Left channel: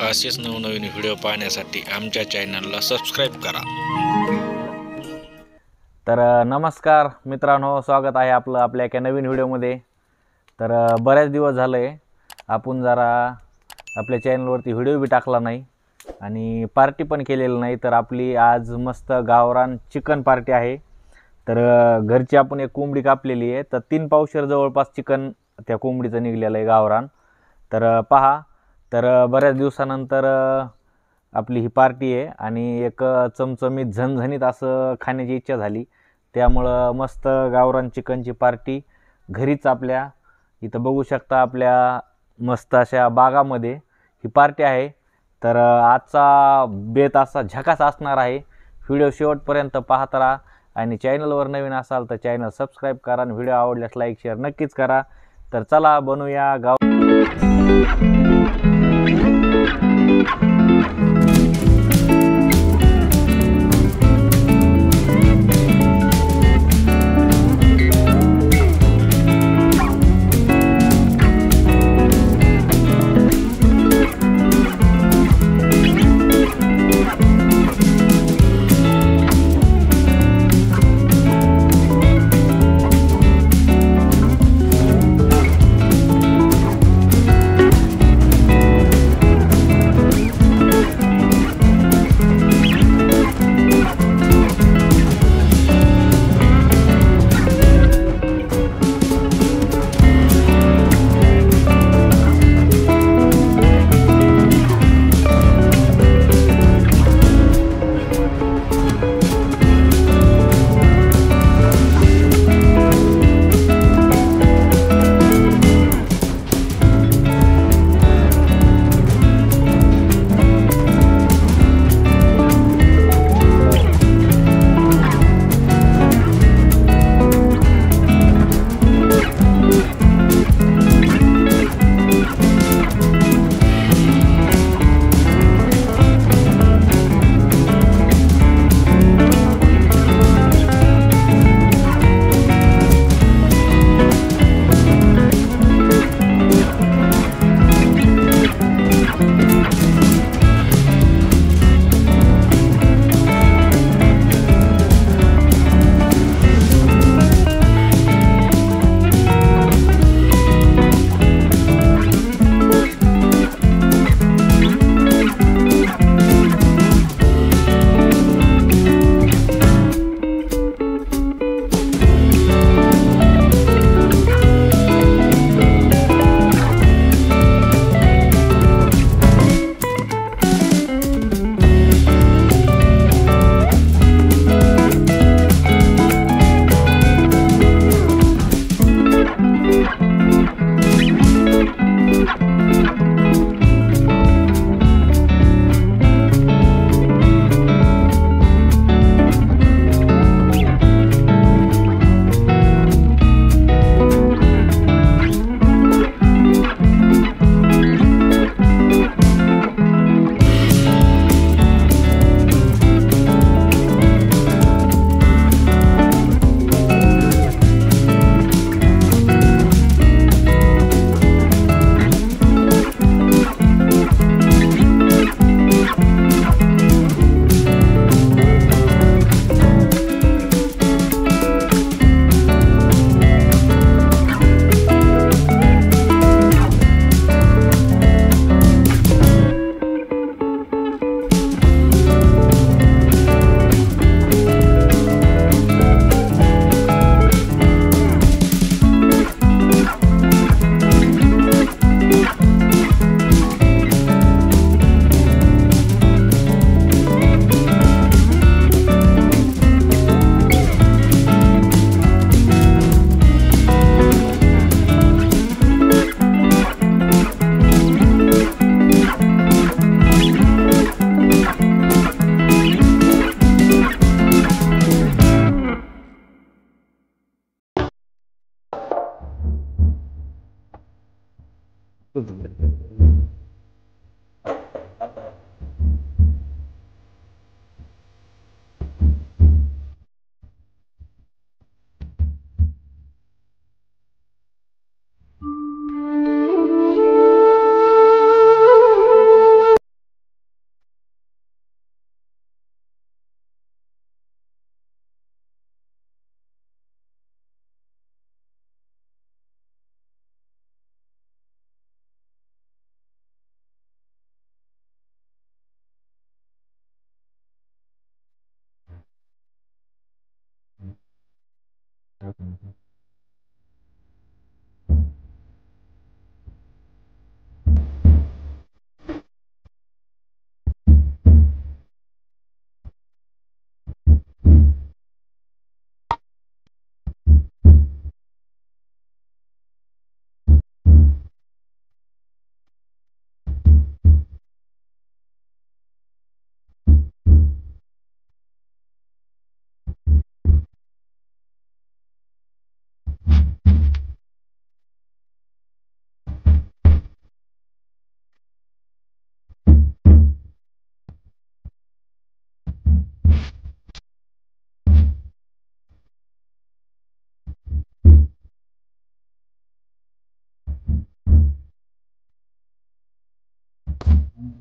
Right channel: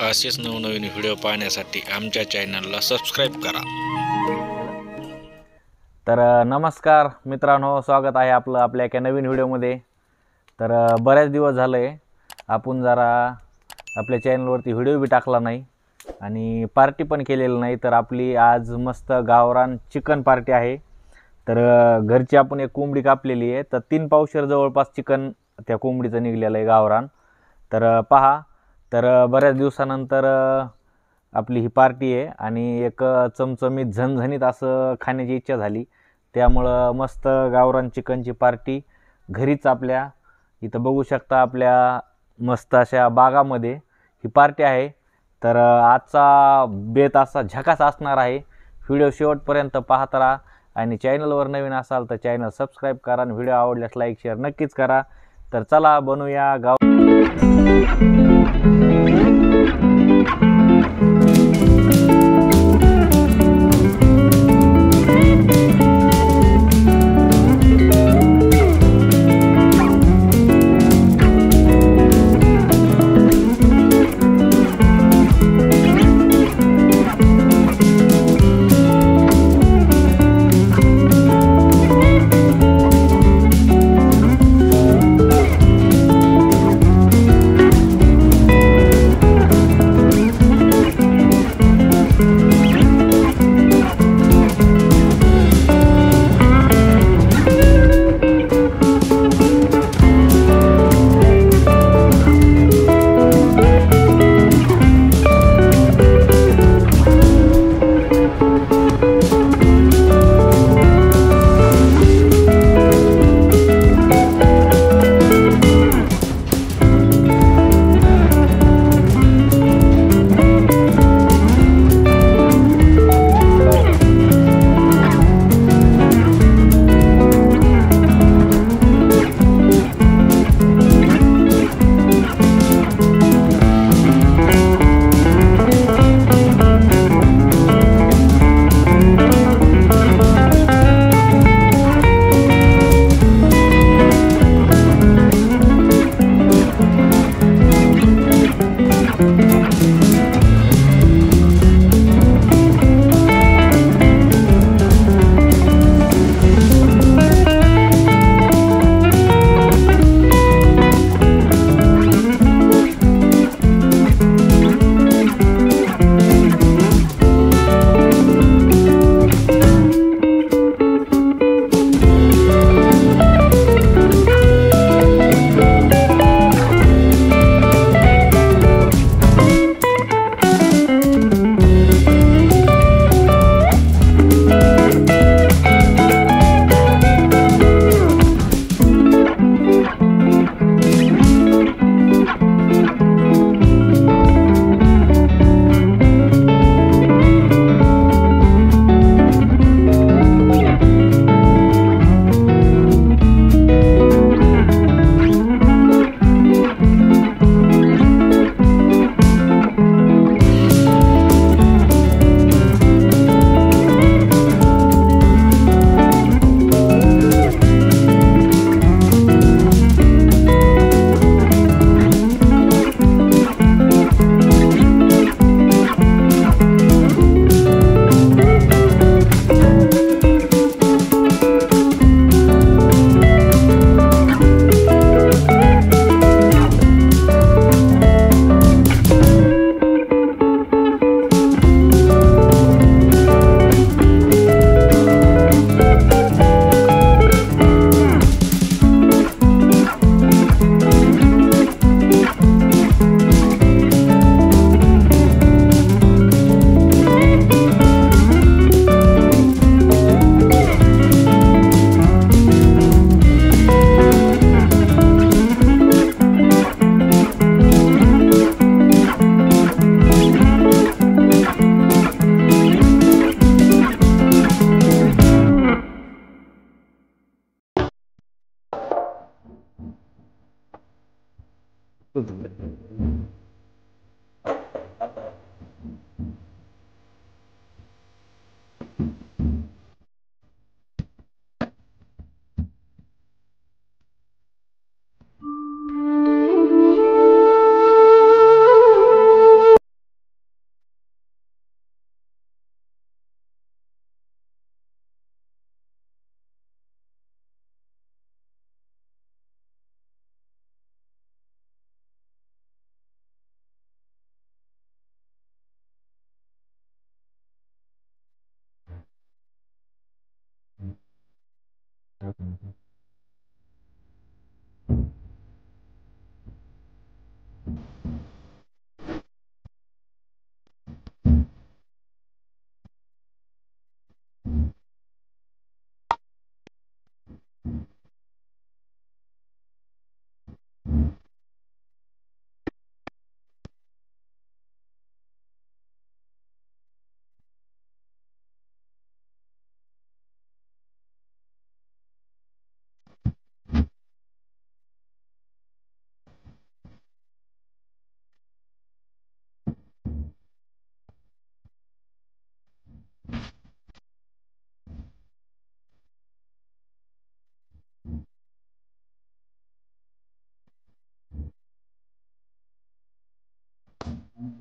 असेच नवनवीन व्हिडिओ पाहण्यासाठी आमच्या चॅनलला सबस्क्राईब करा। तर नमस्कार मित्रांनो, स्वागत आहे आपलं आपल्या एका नवीन व्हिडिओमध्ये। तर बरेच दिवस झाले आपण जरा आपल्या चॅनलवरती व्हिडिओ बी टाकला नाही आणि पार्टी पण केलेली नाही। तर आपली आज मस्त गावरान चिकन पार्टी आहे। तर घरची आपण एक कोंबडी कापलेली आहे, तर 3 पावशेर जवळपास चिकन त्या कोंबडीचं निघलेलं आहे गावरान। तर पहा, तर बऱ्याच दिवसानंतर आपली ही पार्टी आहे आणि एक चमचमीत झणझणीत असं खाण्याची इच्छा झाली, त्यामुळं मस्त गावरान चिकनची पार्टी घरीच आपल्या इथं बघू शकता। आपल्या मस्त अशा बागामध्ये ही पार्टी आहे। तर आजचा बेत असा झकास असणार आहे। व्हिडिओ शेवटपर्यंत पाहत राहा आणि चॅनलवर नवीन असाल तर चॅनल सबस्क्राईब करा आणि व्हिडिओ आवडल्यास लाईक शेअर नक्कीच करा। तर चला बनवूया गाव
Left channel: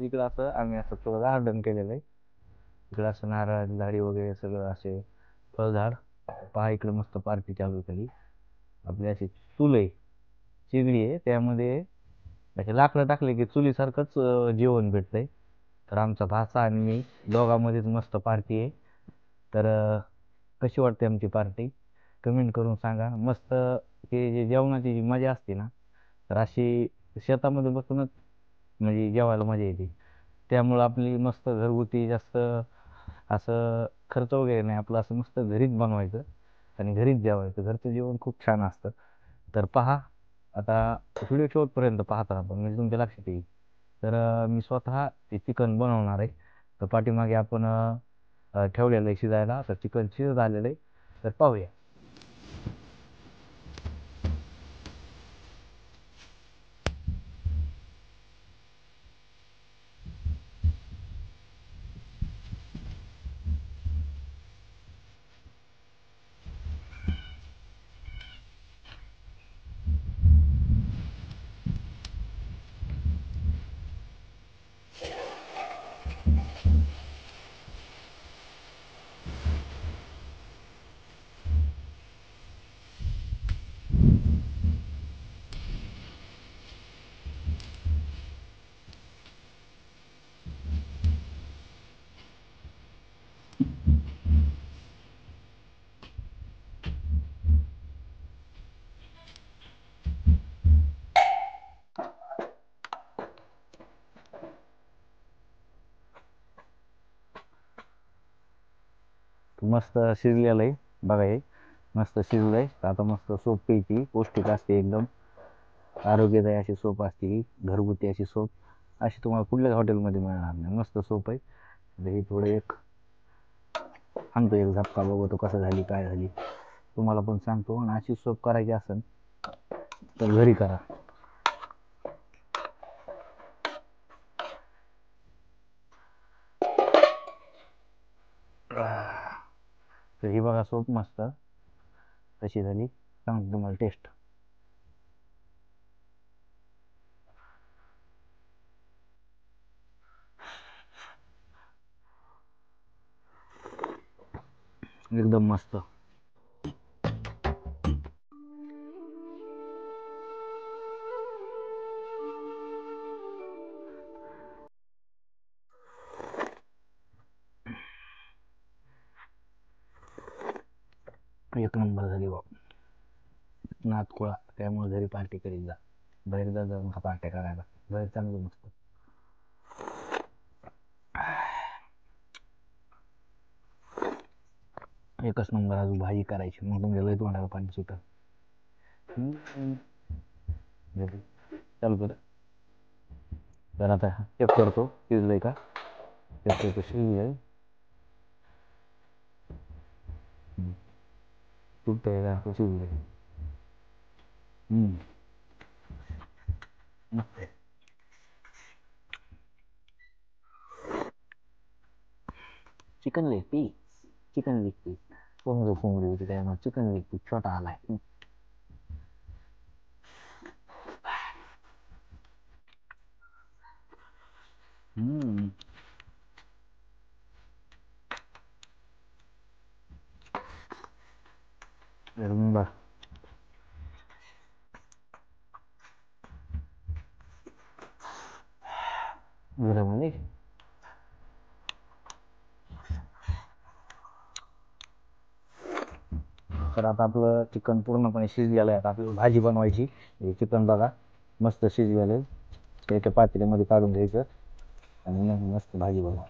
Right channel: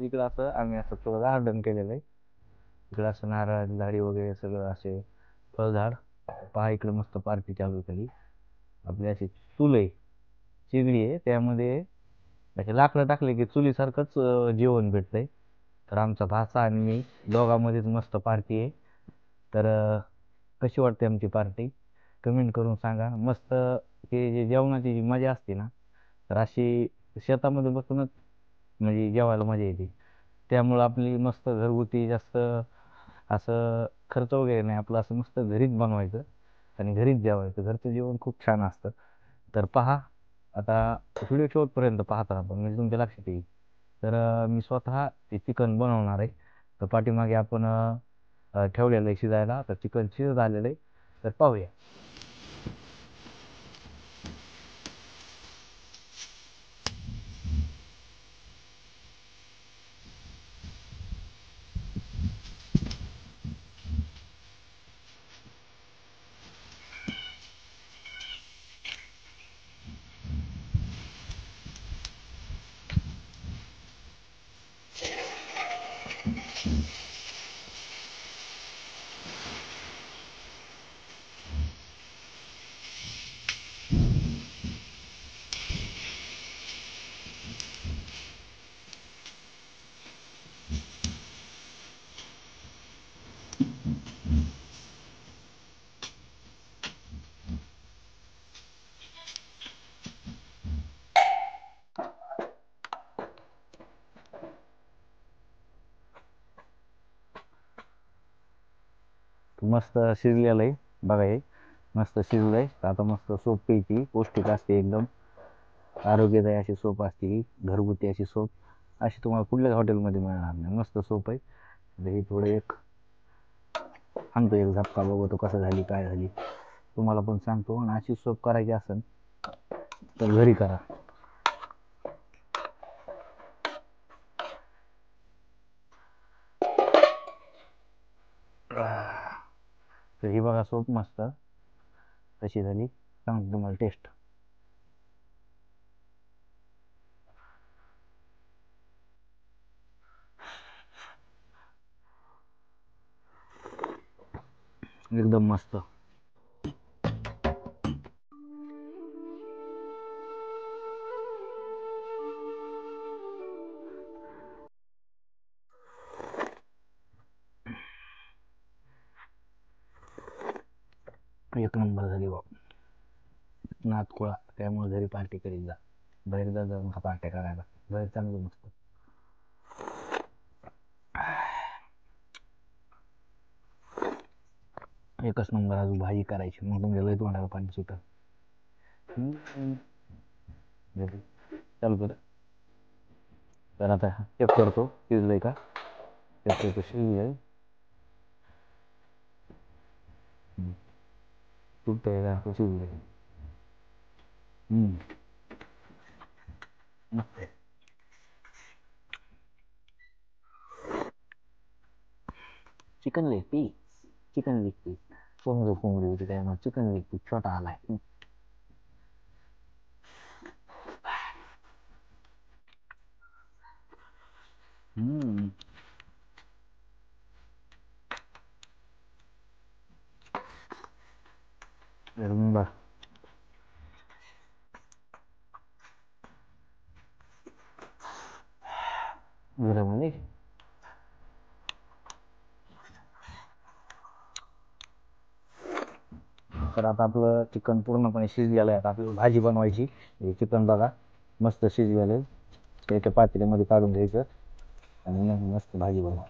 इकडं असं आम्ही असं थोडं गार्डन केलेलं आहे. इकडं असं नारळाची झाडी वगैरे सगळं असे फळझाड. पहा इकडे मस्त पार्टी चालू झाली. आपली अशी चूल आहे, चिगडी आहे, त्यामध्ये असे लाकडं टाकले की चुलीसारखंच जेवण भेटतंय. तर आमचा भाचा आणि मी दोघांमध्येच मस्त पार्टी आहे. तर कशी वाटते आमची पार्टी कमेंट करून सांगा. मस्त हे जे जेवणाची जी मजा असते ना, तर अशी शेतामध्ये बसूनच म्हणजे जेवायला मजा येते. त्यामुळं आपली मस्त घरगुती जास्त असं खर्च वगैरे नाही, आपलं असं मस्त घरीच बनवायचं आणि घरीच जेवायचं. घरचं जेवण खूप छान असतं. तर पहा, आता व्हिडिओ शेवटपर्यंत पाहता आपण म्हणजे तुमच्या लक्षात येईल. तर मी स्वतः ते चिकन बनवणार आहे. तर पाठीमागे आपण ठेवलेलं आहे शिजायला. तर चिकन शिजत आलेलं आहे, तर पाहूया. मस्त शिजलेलं आहे बघा, हे मस्त शिजलं आहे. तर आता मस्त सूप प्यायची, पौष्टिक असते एकदम, आरोग्यदायी अशी सूप असते ही, घरगुती अशी सूप. अशी तुम्हाला कुठल्याच हॉटेलमध्ये मिळणार नाही. मस्त सूप आहे. तर हे थोडं एक आणतो, एक झटका बघतो कसं झाली काय झाली, तुम्हाला पण सांगतो. आणि अशी सूप करायची असेल तर घरी करा. तर ही बघा सूप मस्त कशी झाली, सांगतो तुम्हाला टेस्ट. एकदम मस्त. एक नंबर झाली बा. नातकुळा, त्यामुळे घरी पार्टी करीत जा. बाहेर जा जाऊन पार्ट्या करायला, बाहेर चांगलं मस्त. एकच नंबर. अजून भाजी करायची, मग तुमच्या लय तोंडाला पाणी सुटत. चालू कर. तर आता चेक करतो शिजलंय का. चेक करतो शिजलंय. सुटतंय का शिजलंय. मस्त आहे. Chicken leg piece, chicken leg piece. कोंबडी होती त्यामुळे चिकन लेग पीस छोटा आलाय. बरं, घरामध्ये तर आता आपलं चिकन पूर्णपणे शिजलेलं आहे. आता आपल्याला भाजी बनवायची. हे चिकन बघा मस्त शिजलेलं आहे. ते एका पातेल्यामध्ये काढून घ्यायचं आणि मग मस्त भाजी बनवा.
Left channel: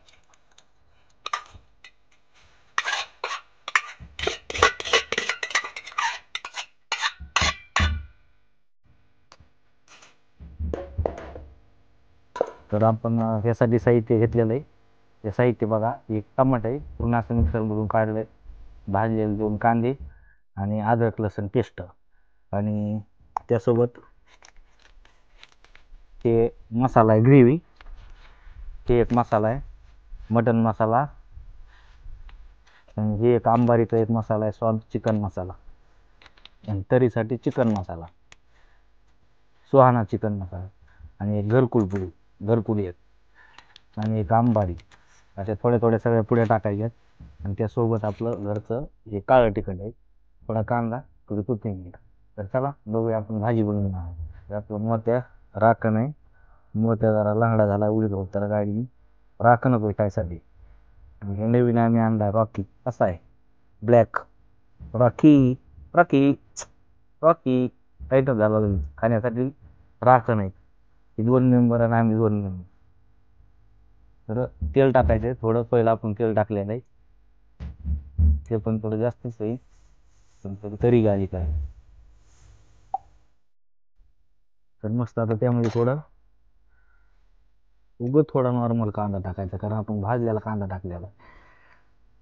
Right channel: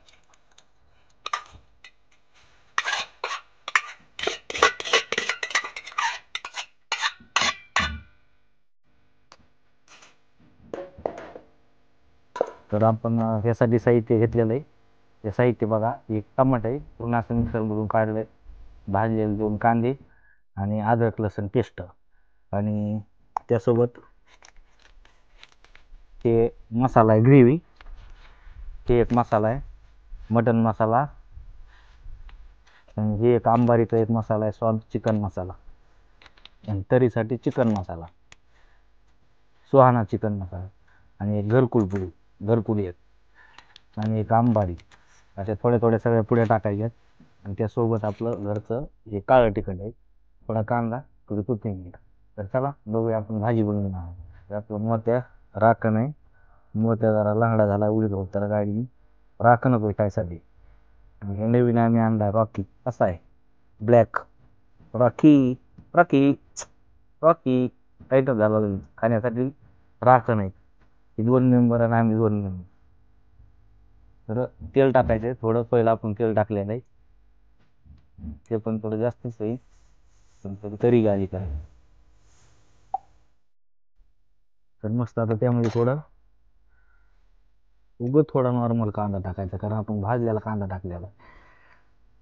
तर आपण ह्यासाठी साहित्य घेतलेलं आहे. हे साहित्य बघा, एक टमाटर आहे पूर्ण असं मिक्सरमधून काढलं आहे, भाजलेले 2 कांदे आणि अद्रक लसूण पेस्ट आणि त्यासोबत ते मसाला आहे ग्रेव्ही, ते एक मसाला आहे मटन मसाला आणि हे एक अंबारीचा एक मसाला आहे स्वाद चिकन मसाला आणि तरीसाठी चिकन मसाला, सुहाना चिकन मसाला आणि एक घरकुल एक आणि एक अंबारी. अशा थोड्या थोड्या सगळ्या पुड्या टाकायच्यात आणि त्यासोबत आपलं घरचं हे काळं तिखट आहे, थोडा कांदा, थोडी कोथिंबीर. तर चला बघूया आपण भाजी बनवून आहोत. तर आपलं मोत्या राखण आहे, मोत्या जरा लंगडा झाला उडीत होत तर गाडी राखणच होय काय साठी. आणि हे नवीन आम्ही आणला रॉकी, कसा आहे black Rocky Rocky Rocky item झाला खाण्यासाठी राखण आहे. हे 2 मेंबर आणि आम्ही 2 मेंबर. तर तेल टाकायचं थोडं, पहिलं आपण तेल टाकलेलं आहे ते पण थोडं जास्तच होईल पण थोडी तरी गाडी करायची. तर मस्त आता त्यामध्ये थोडा नॉर्मल कांदा टाकायचा, कारण आपण भाजलेला कांदा टाकलेला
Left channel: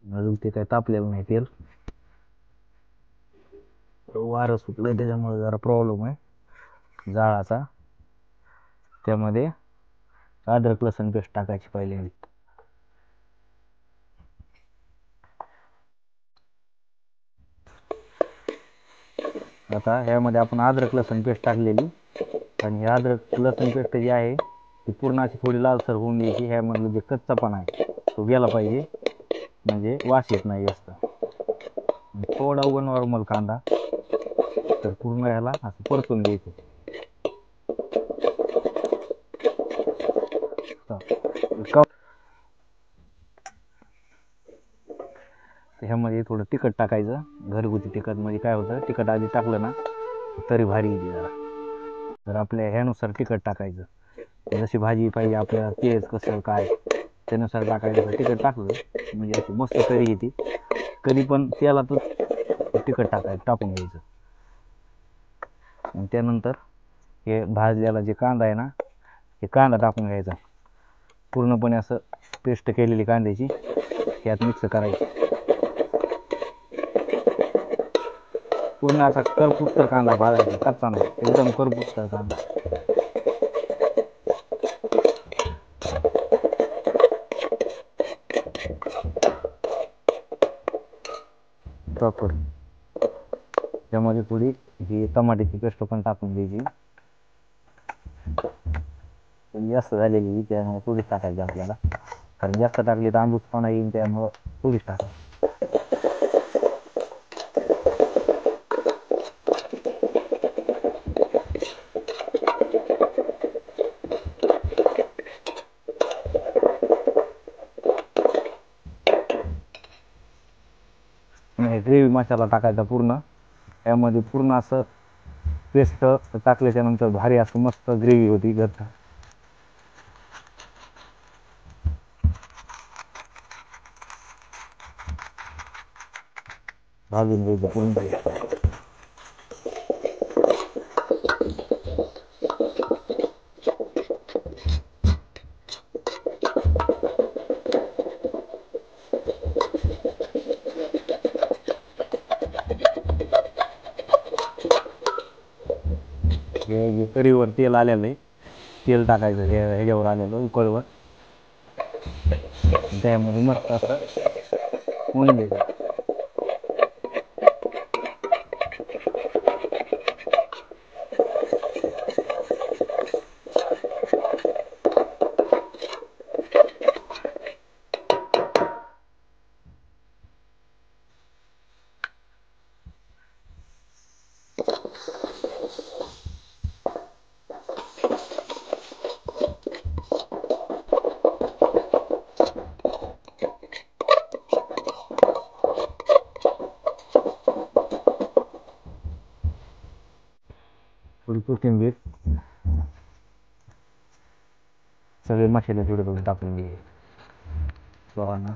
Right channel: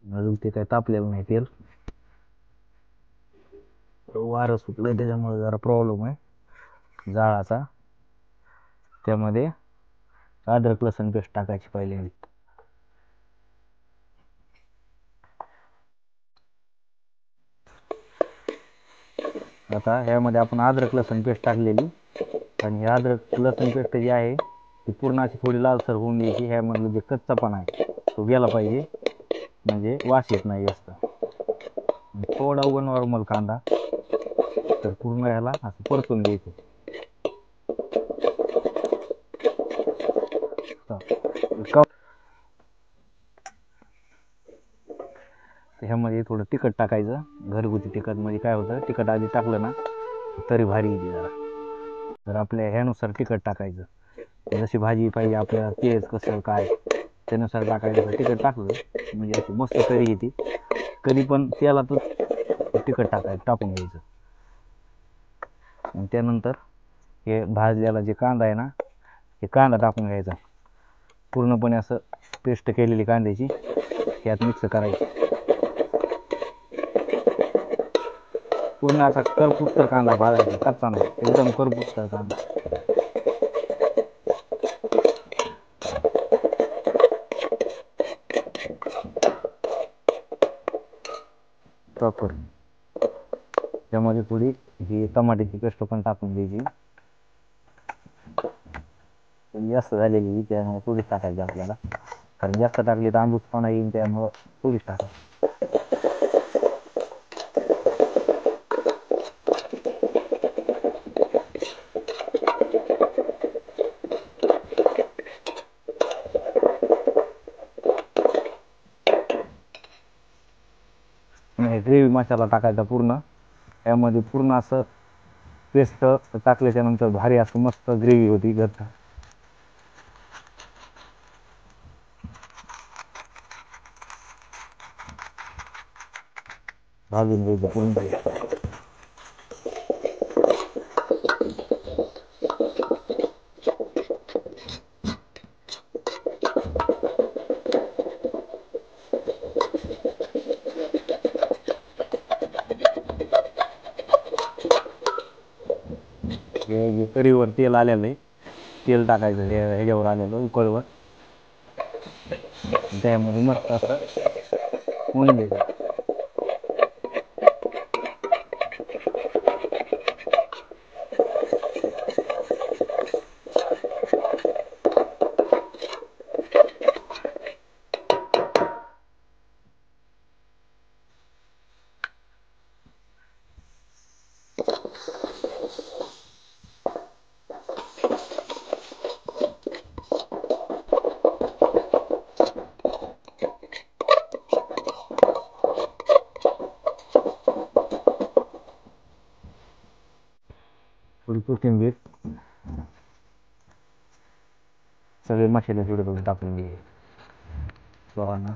अजून ते काही तापलेलं नाही तेल. वारं सुटलं त्याच्यामुळे जरा प्रॉब्लेम आहे जाळाचा. त्यामध्ये अद्रक लसूण पेस्ट टाकायची पहिले. आता ह्यामध्ये आपण अद्रक लसूण पेस्ट टाकलेली आणि हे अद्रक लसूण पेस्ट जी आहे ती पूर्ण अशी थोडी लालसर होऊन द्यायची. ह्यामधलं जे कच्चापणा आहे तो गेला पाहिजे, म्हणजे वास येत नाही जास्त. थोडा उगा नॉर्मल कांदा, तर पूर्ण ह्याला असं परतून द्यायचं. ह्यामध्ये थोडं तिखट टाकायचं, घरगुती तिखट. म्हणजे काय होतं, तिखट आधी टाकलं ना तरी भारी येते जरा. तर आपल्या ह्यानुसार तिखट टाकायचं, जशी भाजी पाहिजे आपल्याला तेज कसं काय त्यानुसार टाकायचं. तिखट टाकलं म्हणजे अशी मस्त तरी येते. कधी पण तेलातच तिखट टाकून घ्यायचं. आणि त्यानंतर हे भाजलेला जे कांदा आहे ना, हे कांदा टाकून घ्यायचा पूर्णपणे, असं पेस्ट केलेली कांद्याची यात मिक्स करायची. पूर्ण असा करपुसतर कांदा भाजायचा, कच्चा नाही, एकदम करपुसतर कांदा. प्रॉपर त्यामध्ये थोडी ही टमाट्याची पेस्ट पण टाकून द्यायची. जास्त झालेली त्यामुळे थोडीच टाकायची आपल्याला, कारण जास्त टाकली तर आंबूसपणा येईल, त्यामुळं थोडीच टाकायची. ग्रेव्ही मसाला टाकायचा पूर्ण, यामध्ये पूर्ण असं पेस्ट टाकल्याच्या नंतर भारी असं मस्त ग्रेव्ही होती घरचा. भाजून घ्यायचं पूर्ण. हे कढईवर तेल आलेलं आहे, तेल टाकायचं ह्याच्यावर आलेलं उकळवर, त्यामध्ये मस्त असं होऊन द्यायचं. थोडी कोथिंबीर, सगळे मसाले थोडे थोडे टाकून घे बघा.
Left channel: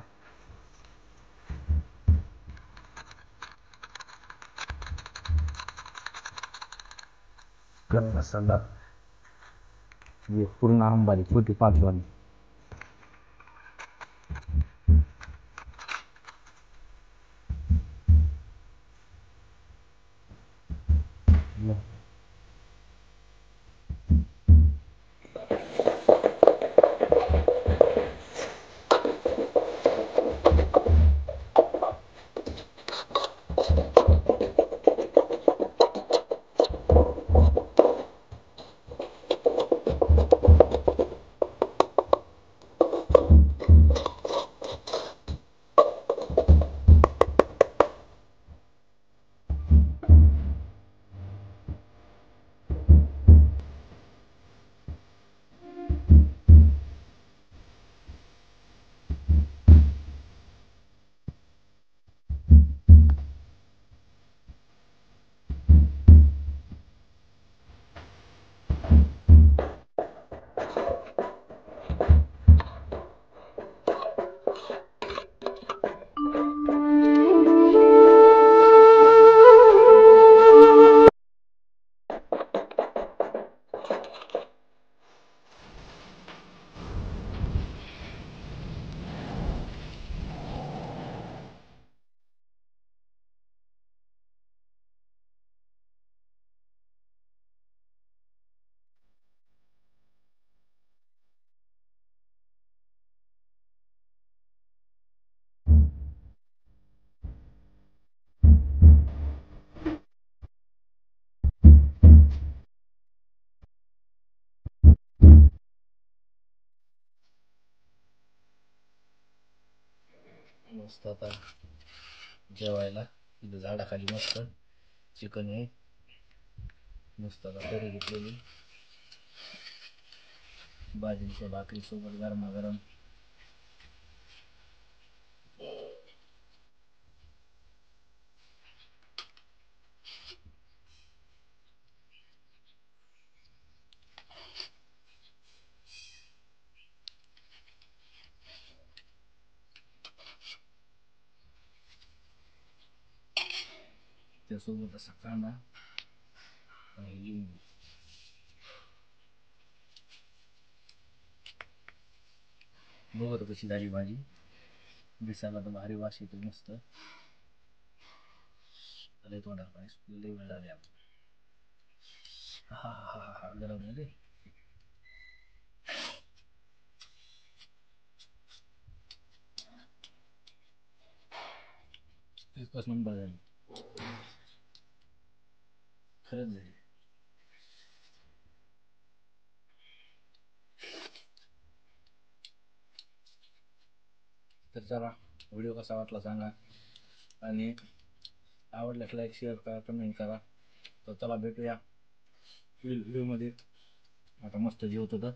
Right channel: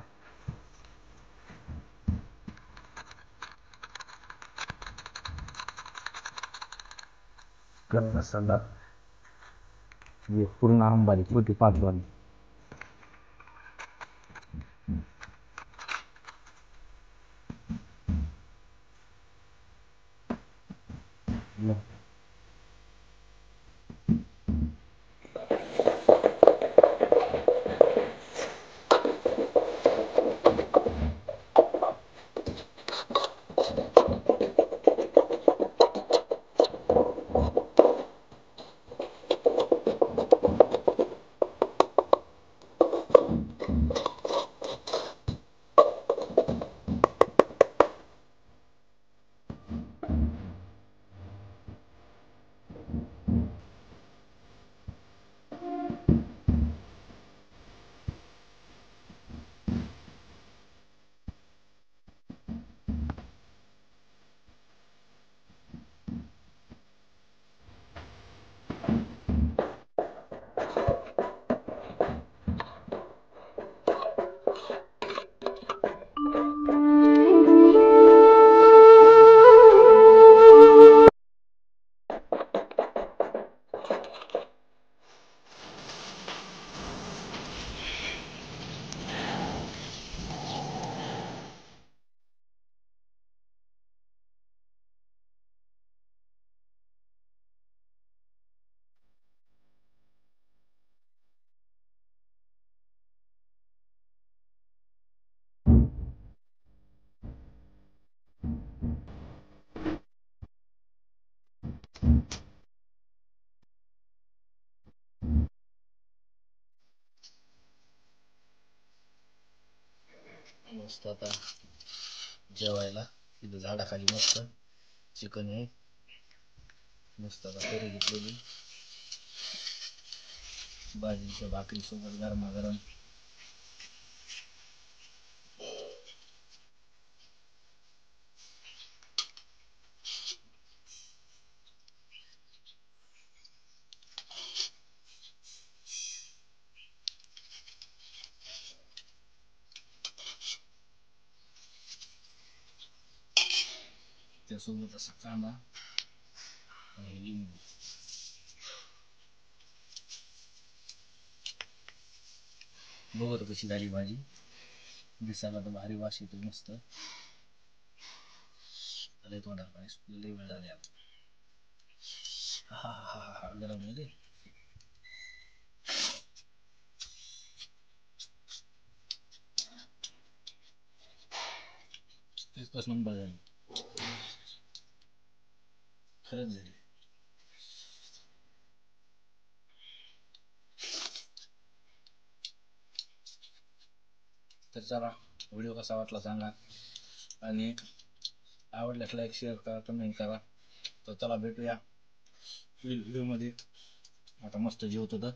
गरम मसाला पूर्ण आंबारी छोटी 5 वाली. मस्त आता जेवायला तिथं झाडाखाली मस्त चिकन आहे. मस्त आता करी घेतलेली बाजरीच्या भाकरी सोबत गरमागरम. त्यासोबत असा कांदा आणि लिंबू. बघत कशी झाली भाजी, दिसायला तर भारी वास येतो मस्त. लय तोंडाला पाणी सुटलं, लय वेळ झाले आता. हा हा हा हा गरम रे. एकच नंबर झाली, खरंच झाली. तर चला, व्हिडिओ कसा वाटला सांगा आणि आवडल्यास लाईक शेअर करा, कमेंट करा. तर चला भेटूया व्हिडिओमध्ये. आता मस्त जेवतो तर